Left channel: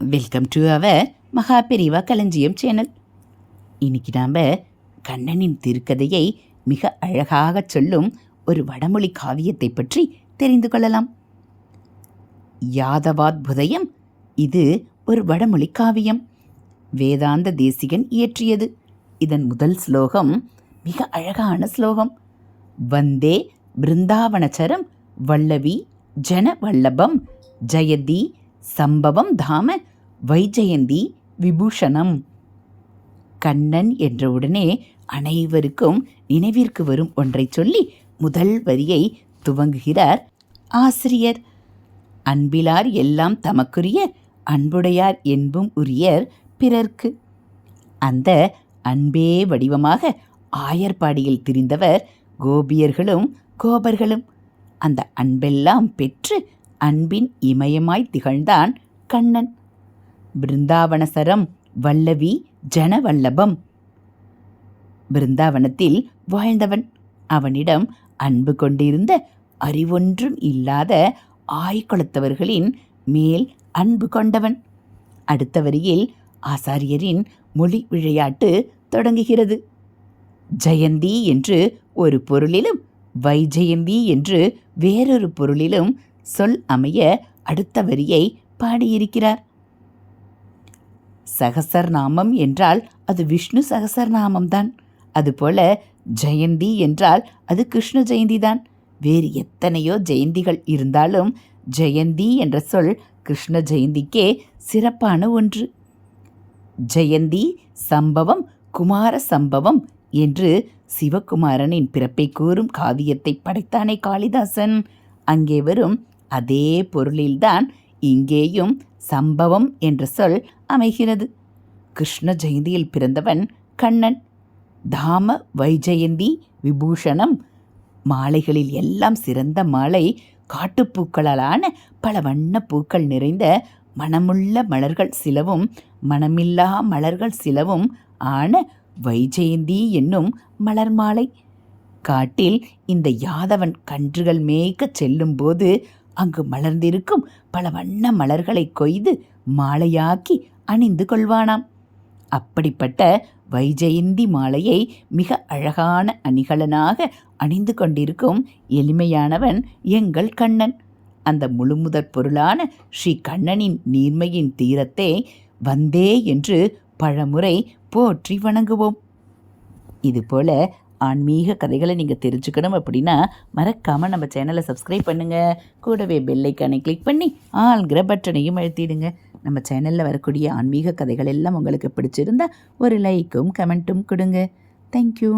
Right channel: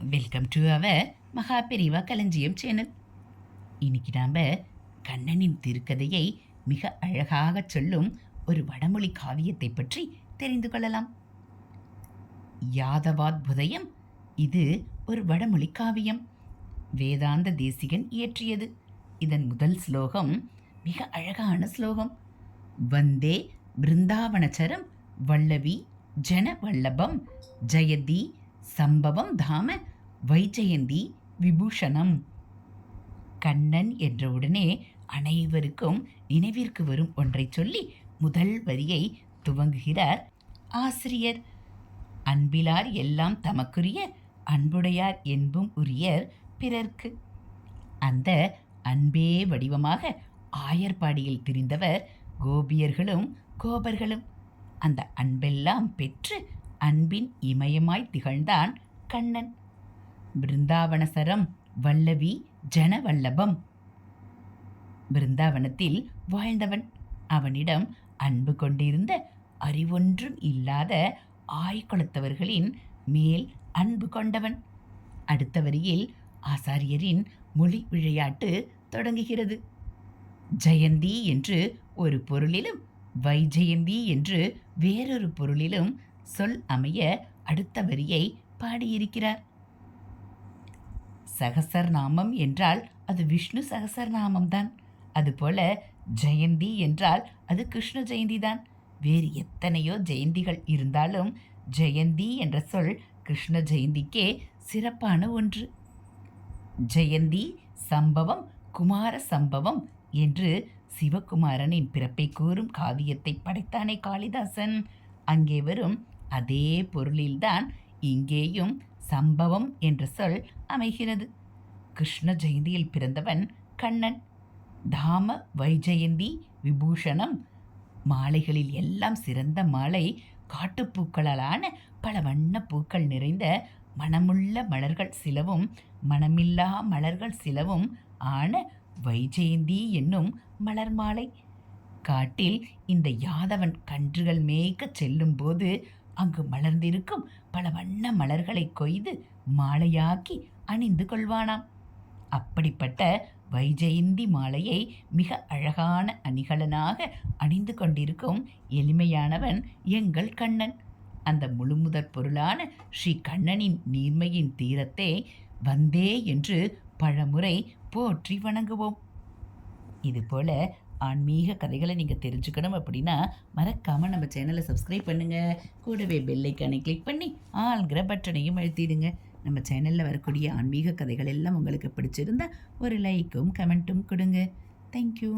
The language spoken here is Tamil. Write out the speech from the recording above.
வெல்கம் டு அவர் மகா பெரிவா களஞ்சியம் சேனல். இன்னைக்கு நாம் கண்ணனின் திருக்கதையை மிக அழகாக சொல்லும் ஒரு வடமொழி காவியத்தை பற்றி தெரிந்து கொள்ளலாம். யாதவாத்புதயம் இது ஒரு வடமொழி காவியம். வேதாந்த தேசிகன் இயற்றியது. இதன் முதல் ஸ்லோகம் மிக அழகான ஸ்லோகம். வந்தே பிருந்தாவனச்சரம் வல்லவி ஜன வல்லபம் ஜெயதி சம்பவம் தாம வைஜெயந்தி விபூஷணம். கண்ணன் என்றவுடனே அனைவருக்கும் நினைவிற்கு வரும் ஒன்றை சொல்லி முதல் வரியை துவங்குகிறார் ஆசிரியர். அன்பிலார் எல்லாம் தமக்குரிய அன்புடையார் என்பும் உரியர் பிறர்க்கு. அந்த அன்பே வடிவமாக ஆயர்பாடியில் திரிந்தவர் கோபியர்களும் கோபர்களும். அந்த அன்பெல்லாம் பெற்று அன்பின் இமயமாய் திகழ்ந்தான் கண்ணன். பிருந்தாவனசரம் வல்லவி ஜனவல்லபம். பிருந்தாவனத்தில் வாழ்ந்தவன். அவனிடம் அன்பு கொண்டிருந்த அறிவொன்றும் இல்லாத ஆய்குலத்தவர்களின் மேல் அன்பு கொண்டவன். அடுத்த வரியில் ஆசாரியரின் மொழி விளையாட்டு தொடங்குகிறது. ஜெயந்தி என்று ஒரு பொருளிலும் வைஜெயந்தி என்று வேறொரு பொருளிலும் சொல் அமைய அடுத்த வரியை பாடியிருக்கிறார். சகசரநாமம் என்றால் அது விஷ்ணு சகசரநாமம்தான். அதுபோல ஜெயந்தி என்றால் அது கிருஷ்ண ஜெயந்தி தான். வேறு எத்தனையோ ஜெயந்திகள் இருந்தாலும் ஜெயந்தி என்ற சொல் கிருஷ்ண ஜெயந்திக்கே சிறப்பான ஒன்று. ஜெயந்தி சம்பவம் குமார சம்பவம் என்று சிவகுமாரனின் பிறப்பை கூறும் காவியத்தை படைத்தானே காளிதாசன். அங்கே வரும் அதே பொருளில்தான் இங்கேயும் சம்பவம் என்ற சொல் அமைகிறது. கிருஷ்ண ஜெயந்தியில் பிறந்தவன் கண்ணன். தாம வைஜெயந்தி விபூஷணம். மாலைகளில் எல்லாம் சிறந்த மாலை காட்டுப்பூக்களாலான பல வண்ண பூக்கள் நிறைந்த மணமுள்ள மலர்கள் சிலவும் மணமில்லா மலர்கள் சிலவும் ஆன வைஜெயந்தி என்னும் மலர் மாலை. காட்டில் இந்த யாதவன் கன்றுகள் மேய்க்கச் செல்லும் போது அங்கு மலர்ந்திருக்கும் பல வண்ண மலர்களை கொய்து மாலையாக்கி அணிந்து கொள்வானாம். அப்படிப்பட்ட வைஜெயந்தி மாலையை மிக அழகான அணிகலனாக அணிந்து கொண்டிருக்கும் எளிமையானவன் எங்கள் கண்ணன். அந்த முழுமுதற் பொருளான ஸ்ரீ கண்ணனின் நீர்மையின் தீரத்தை வந்தே என்று பலமுறை போற்றி வணங்குவோம். இதுபோல் ஆன்மீக கதைகளை நீங்கள் தெரிஞ்சுக்கணும் அப்படின்னா மறக்காமல் நம்ம சேனலை சப்ஸ்கிரைப் பண்ணுங்கள். கூடவே பெல் ஐக்கானை கிளிக் பண்ணி ஆல்கிற பட்டனையும் அழுத்திடுங்க. நம்ம சேனலில் வரக்கூடிய ஆன்மீக கதைகள் எல்லாம் உங்களுக்கு பிடிச்சிருந்தா ஒரு லைக்கும் கமெண்ட்டும் கொடுங்க. தேங்க்யூ.